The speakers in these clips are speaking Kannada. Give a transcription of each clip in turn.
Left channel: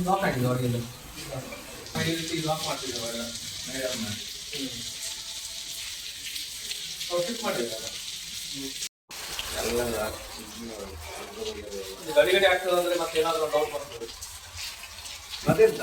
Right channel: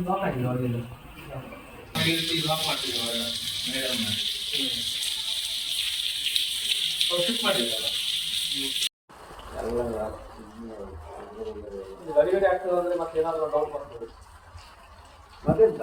ಲಾಕ್ ಆಗಿದೆ ಹೊರಗಿಲ್ಲ ಈ ರೀತಿ ಲಾಕ್ ಮಾಡ್ತಿದ್ದೆ ಅವಾಗ ಮೇಡಮ್ ಫಿಟ್ ಮಾಡಿದ್ರಲ್ಲ ಗಡಿ ಗಡಿ ಆಗ್ತದೆ ಅಂದ್ರೆ ಮತ್ತೆ ಏನಾದ್ರು ಡೌಟ್ ಬರ್ತದೆ ಮತ್ತೆಂತ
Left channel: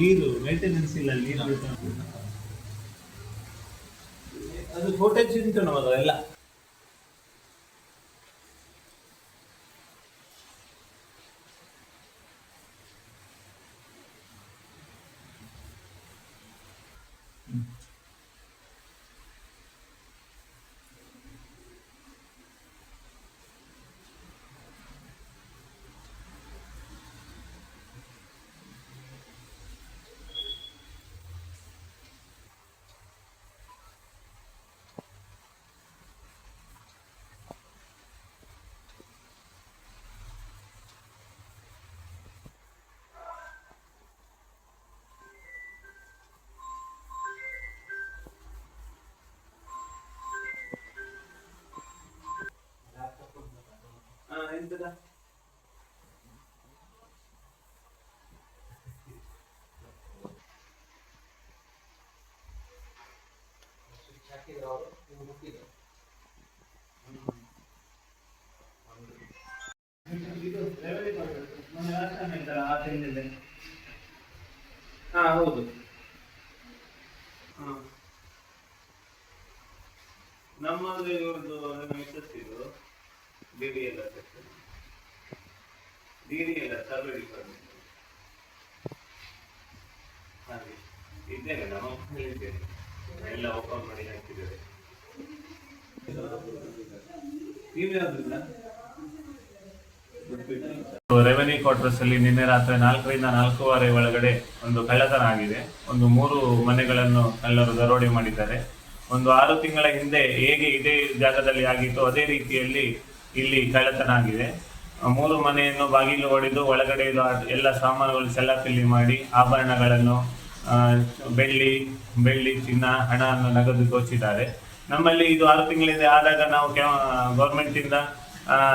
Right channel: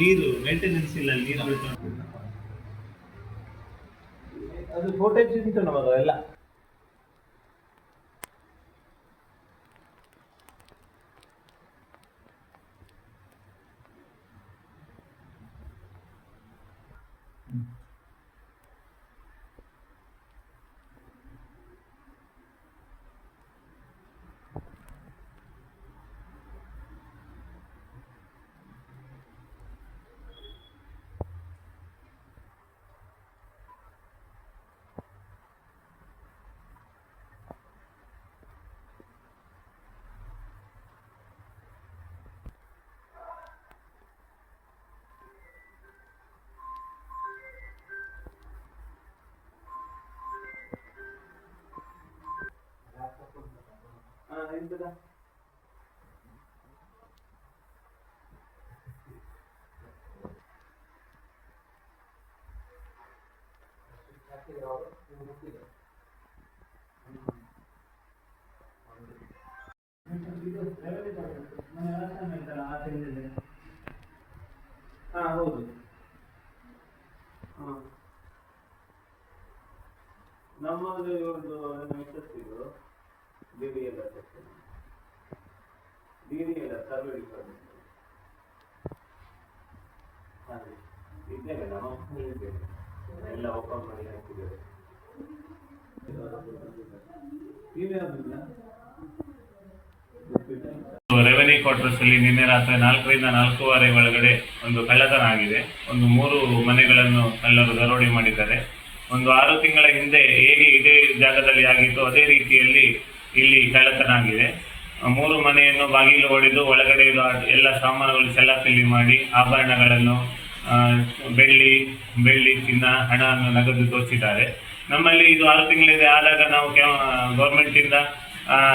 ನೀರು ಮೇಂಟೆನೆನ್ಸ್ ಇಲ್ಲ ನೀರು. ಅದು ಉಂಟು ಮಗ ಎಲ್ಲ. ಎಂತದ ಹಾ ಹೌದು. ನಮ್ಮದು ಇವ್ರದ್ದು ನಿಮ್ಮ ಮಿಸ್ಸಸ್ ಇದು. D D L section D D L survey department ಹಾಗೆ ಇದ್ದೇನೆ ಎಲ್ಲ ಓಪನ್ ಮಾಡಿ ಹಾಕಿದ್ದೇವೆ ರೆವೆನ್ಯೂ ಕ್ವಾರ್ಟರ್ಸ್ ಅಲ್ಲಿ ನಿನ್ನೆ ರಾತ್ರಿ ನಾಲ್ಕರಿಂದ ನಾಲ್ಕೂವರೆ ಒಳಗಡೆ ಒಂದು ಕಳ್ಳತನ ಆಗಿದೆ. ಒಂದು ಮೂರು ಮನೆಗಳನ್ನು ಕಳ್ಳರು ದರೋಡೆ ಮಾಡಿದ್ದಾರೆ. ಒಂದು ಆರು ತಿಂಗಳ ಹಿಂದೆ ಹೇಗೆ ಇದೇ ಜಾಗದಲ್ಲಿ ಆಗಿತ್ತು ಅದೇ ರೀತಿಯಲ್ಲಿ ಇಲ್ಲಿ ಕಳ್ಳತನ ಆಗಿದೆ ಮೂರು ಮನೆಯನ್ನು ಬಾಗಿಲು ಹೊಡೆದು ಒಳಗಡೆ ಇರುವ ಎಲ್ಲ ಸಾಮಾನುಗಳು ಸೆಲ್ಲಪಿಲ್ಲಿ ಮಾಡಿ ಆಭರಣಗಳನ್ನು ಬೆಳ್ಳಿ ಬೆಳ್ಳಿ ಚಿನ್ನ, ಹಣವನ್ನು ನಗದು ದೋಚಿದ್ದಾರೆ ನಮ್ಮಲ್ಲಿ ಇದು ಆರು ತಿಂಗಳಿಂದ. ಆದಾಗ ನಾವು ಗೌರ್ಮೆಂಟಿಂದ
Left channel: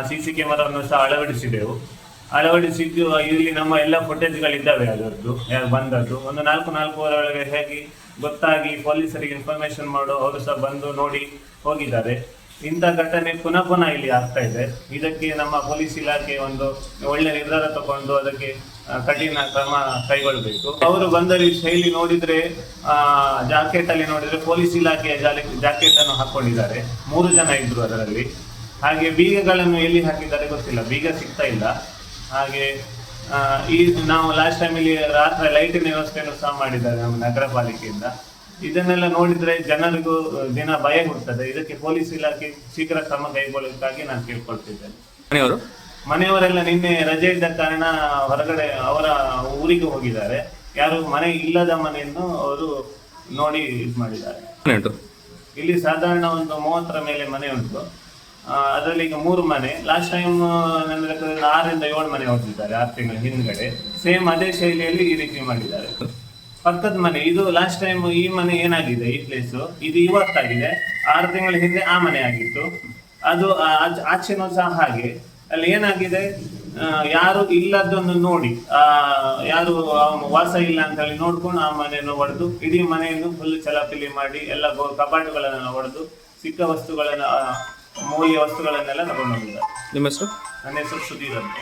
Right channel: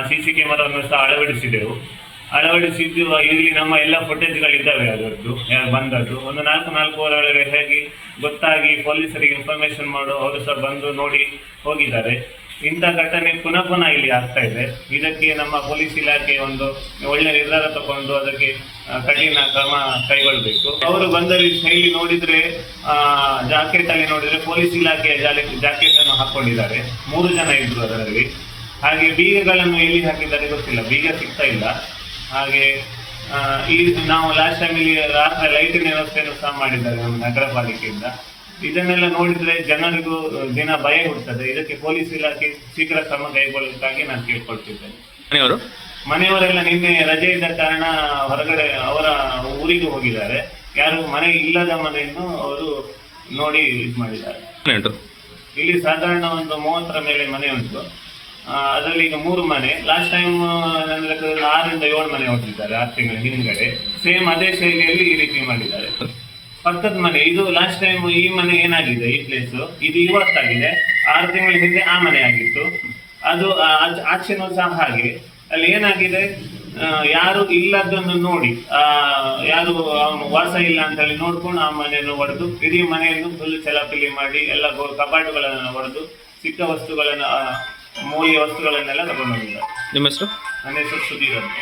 ಸಿ ಸಿ ಕ್ಯಾಮರಾವನ್ನು ಸಹ ಅಳವಡಿಸಿದೆವು. ಅಳವಡಿಸಿದ್ದು, ಇಲ್ಲಿ ನಮ್ಮ ಎಲ್ಲ ಫುಟೇಜ್ಗಳಿದ್ದಾವೆ ಅದರದ್ದು. ಬಂದದ್ದು. ಒಂದು ನಾಲ್ಕು ನಾಲ್ಕು ಒಳಗೆ ಹೇಗೆ ಗೊತ್ತಾಗಿ ಪೊಲೀಸರಿಗೆ ಇನ್ಫಾರ್ಮೇಶನ್ ಮಾಡು, ಅವರು ಸಹ ಬಂದು ನೋಡಿ ಹೋಗಿದ್ದಾರೆ. ಇಂಥ ಘಟನೆ ಪುನಃ ಪುನಃ ಇಲ್ಲಿ ಆಗ್ತಾ ಇದೆ. ಇದಕ್ಕೆ ನಮ್ಮ ಪೊಲೀಸ್ ಇಲಾಖೆ ಒಂದು ಒಳ್ಳೆ ನಿರ್ಧಾರ ತಗೊಂಡು ಅದಕ್ಕೆ ಕಠಿಣ ಕ್ರಮ ಕೈಗೊಳ್ಳಬೇಕು. ಅವರು ಬಂದಲ್ಲಿ ಶೈಲಿ ನೋಡಿದ್ರೆ ಜಾಕೆಟ್ ಅಲ್ಲಿ ನೋಡಿದ್ರೆ ಪೊಲೀಸ್ ಇಲಾಖೆಯ ಜಾಕೆಟ್ ಅನ್ನು ಹಾಕೊಂಡಿದ್ದಾರೆ. ಮೂರು ಜನ ಇದ್ರು ಅದರಲ್ಲಿ. ಹಾಗೆ ಬೀಗಗಳನ್ನು ಎಲ್ಲಿ ಹಾಕಿದ್ದಾರೆ ಗೊತ್ತಿಲ್ಲ. ಬೀಗ ಸಿಗ್ತಾ ಇಲ್ಲ. ಹಾಗೆ ಈ ನಾವು ಲಾಸ್ಟ್ ಟೈಮ್ ಇಲ್ಲಿ ರಾತ್ರಿ ಲೈಟಿನ ವ್ಯವಸ್ಥೆಯನ್ನು ಸಹ ಮಾಡಿದ್ದಾರೆ ನಮ್ಮ ನಗರ ಪಾಲಿಕೆಯಿಂದ. ಇದನ್ನೆಲ್ಲ ನೋಡಿದ್ರೆ ಜನರಿಗೂ ದಿನ ಭಯ ಹುಡ್ತದೆ ಇದಕ್ಕೆ ಪೊಲೀಸ್ ಇಲಾಖೆ ಶೀಘ್ರ ಕ್ರಮ ಕೈಗೊಳ್ಳುವುದಾಗಿ ನಾನು ಕೇಳ್ಕೊಳ್ತಿದ್ದೇನೆ. ಮನೆಯವರು? ಮನೆಯವರೆಲ್ಲ ನಿನ್ನೆ ರಜೆ ಇದ್ದ ಕಾರಣ ಹೊರಗಡೆ ಅವರ ಊರಿಗೆ ಹೋಗಿದ್ದಾರೆ. ಯಾರು ಮನೆ ಇಲ್ಲದ ಮನೆಯನ್ನು ಅವರು ನೋಡಿ ಇದು ಮಾಡಿದ್ದಾರೆ. ಇಲ್ಲಿ ಸಾಧಾರಣ ಒಂದು ಮೂವತ್ತರ ಮೇಲೆ ಮನೆ ಉಂಟು. ಅದರಲ್ಲಿ ಈಗ ಮೂರು ಮನೆ. ಲಾಸ್ಟ್ ಟೈಮ್ ನನ್ನ ಲೆಕ್ಕದಲ್ಲಿ ಆರರಿಂದ ಏಳು ಮನೆ ಹೋಗಿದ್ದಾರೆ ಆರು ತಿಂಗಳ ಹಿಂದ್ಗಡೆ. ಸೇಮ್ ಅದೇ ಶೈಲಿಯಲ್ಲಿ ಈ ರೀತಿ ಮಾಡಿದ್ದಾರೆ. ಪಕ್ಕದ ಮನೆ ಇದು ಲಾಸ್ಟ್ ಟೈಮ್ ಈ ಮನೆ ಏನಾಗಿದೆ ಈ ಪ್ಲೇಸ್ ಇದು ಇವತ್ತಾಗಿದೆ ಆರು ತಿಂಗಳ ಹಿಂದೆ ಆ ಮನೆ ಆಗಿತ್ತು. ಅದು ಆಚೆನೂ ಸಹ ಹಾಗೆ. ಅಲ್ಲಿ ಏನಾಗಿದೆ? ಯಾರು ಇಲ್ಲದನ್ನು ನೋಡಿ. ಆ ಯಾರು ಅವನು ವಾಸ ಇಲ್ಲ ಅಂತ ಹೇಳಿ ನೋಡ್ಕೊಂಡು ಆ ಮನೆಯನ್ನು ಹೊಡೆದು ಇಡೀ ಮನೆಯನ್ನು ಫುಲ್ ಚಲಾಪಿಲಿ ಮಾಡಿ ಎಲ್ಲ ಕಬಾಟುಗಳನ್ನು ಕಪಾಟುಗಳನ್ನು ಹೊಡೆದು ಸಿಕ್ಕ ವಸ್ತುಗಳನ್ನ ಮೌಲ್ಯ ವಸ್ತುಗಳನ್ನೆಲ್ಲ ತಗೊಂಡು ಹೋಗಿದ್ದಾರೆ ನಿಮ್ಮ ಹೆಸರು? ನನ್ನ ಹೆಸರು ಸುಧೀರ್ ಅಂತ.